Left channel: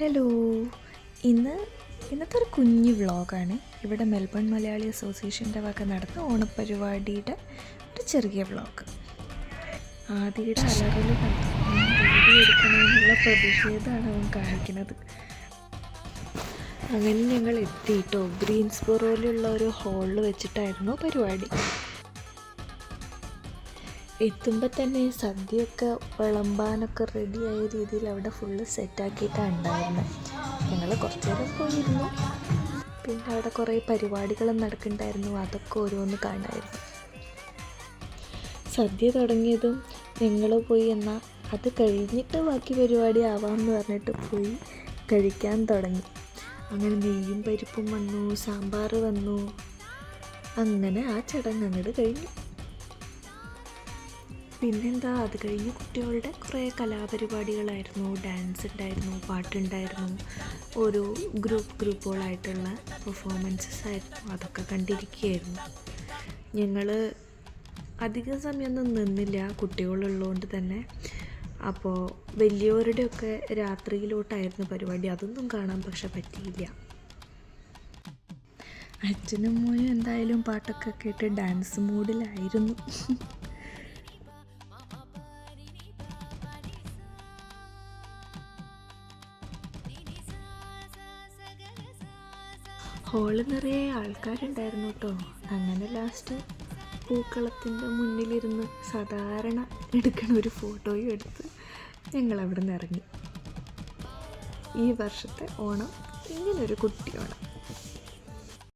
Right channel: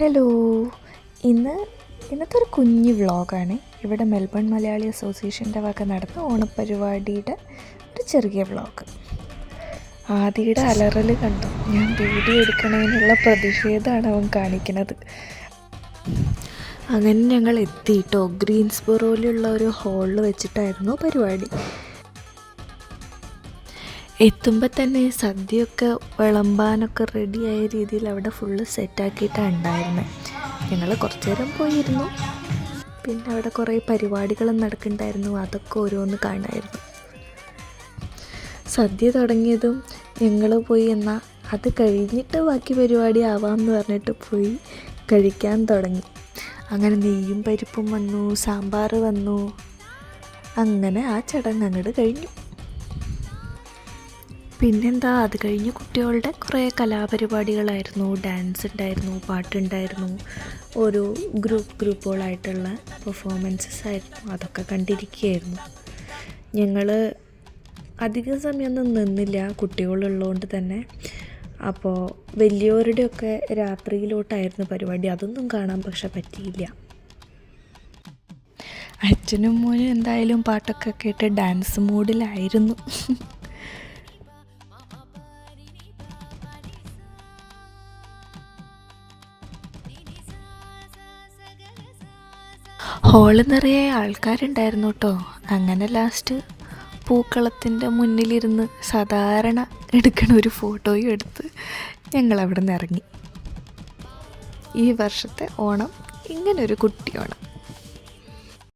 Hello, ഇന്നത്തെ ഒരു കുഞ്ഞു വ്ളോഗാണ്. ഇവിടെ മെൽബൺ മലയാളി അസോസിയേഷൻ്റെ വക നടന്ന ഓണപ്പരിപാടിയുടെ ഒരു ചെറിയ വ്ളോഗ്. ആദിയുടെ അലറൽ കണ്ടു. ഞാൻ വീഡിയോ എടുക്കണമെന്നുള്ള പ്രതിഷേധമാണ് അവൻ കാണിക്കുന്നത്. അങ്ങനെ ഞങ്ങൾ എത്തിയിട്ടോ. ഗ്രീൻസ്ബോറോയിലുള്ള ഒരു ഹാളിൽ വെച്ചിട്ടായിരുന്നു പരിപാടി. എത്തുമ്പോൾ തന്നെ സദ്യയൊക്കെ വിളമ്പാനൊക്കെ റെഡിയായ രീതിയിൽ അവിടെ ഫുള്ള് സെറ്റാക്കിയിട്ടാണ് ഉണ്ടായിരുന്നത്. ഞങ്ങൾ കുറച്ച് നേരം പോയിരുന്നു. പിന്നെ അവിടെ കുറേ പരിപാടികളും നടക്കുന്നുണ്ടായിരുന്നു. അതൊക്കെ ഓരോന്ന് കാണാമായിരുന്നു. സദ്യ തുടങ്ങിയതും ഞങ്ങൾ പോയി എന്നാൽ അത് കഴിഞ്ഞിട്ട് ബാക്കി പരിപാടി ആവാമെന്ന് പറഞ്ഞിട്ട് പോയി കഴിക്കാൻ തുടങ്ങി. അങ്ങനെ നെയ്യും പരിപ്പും വന്നു, സാമ്പാർ വന്നു. അങ്ങനെ ആ ചടങ്ങ് അങ്ങോട്ട് കഴിഞ്ഞു. പിന്നെന്താ, അത് കഴിഞ്ഞ് കുട്ടികളുടെ കുറേ കലാപരിപാടികളായിരുന്നു. ഡാൻസ് ഉണ്ടായിരുന്നു, പാട്ടുണ്ടായിരുന്നു, ഓരോ ഗ്രൂപ്പുകളായിട്ടുള്ള പെർഫോമൻസസ് ആയിരുന്നു. അതൊക്കെ കണ്ടിരിക്കുകയായിരുന്നു. ഞങ്ങൾ അധികം സമയമൊന്നും നിന്നില്ല, കുട്ടികളുള്ളതുകൊണ്ട് തന്നെ. അപ്പോൾ വലിയവരുടെയൊക്കെ രാത്രിയിലോട്ടായിരുന്നു പരിപാടി. അതൊന്നും കാണാൻ പക്ഷെ പറ്റിയില്ല. അച്ഛനും മോനും എന്തായാലും പാട്ടൊക്കെ കേട്ട് ഡാൻസ് മൂഡിലായിരുന്നു. ഹോള് നിറയെ ആൾക്കാരുണ്ടായിരുന്നു കേട്ടോ. അങ്ങനെ ലാസ്റ്റ് പൂക്കളത്തിൻ്റെ മുന്നിലിരുന്ന് സാധാരണ എടുക്കണ ഒരു ഫോട്ടോയും എടുത്ത് ഞങ്ങളവിടെ നിന്ന് ഇറങ്ങി. ഈ വർഷത്തെ ഓണം ഇങ്ങനൊരു കുട്ടി ഓണം.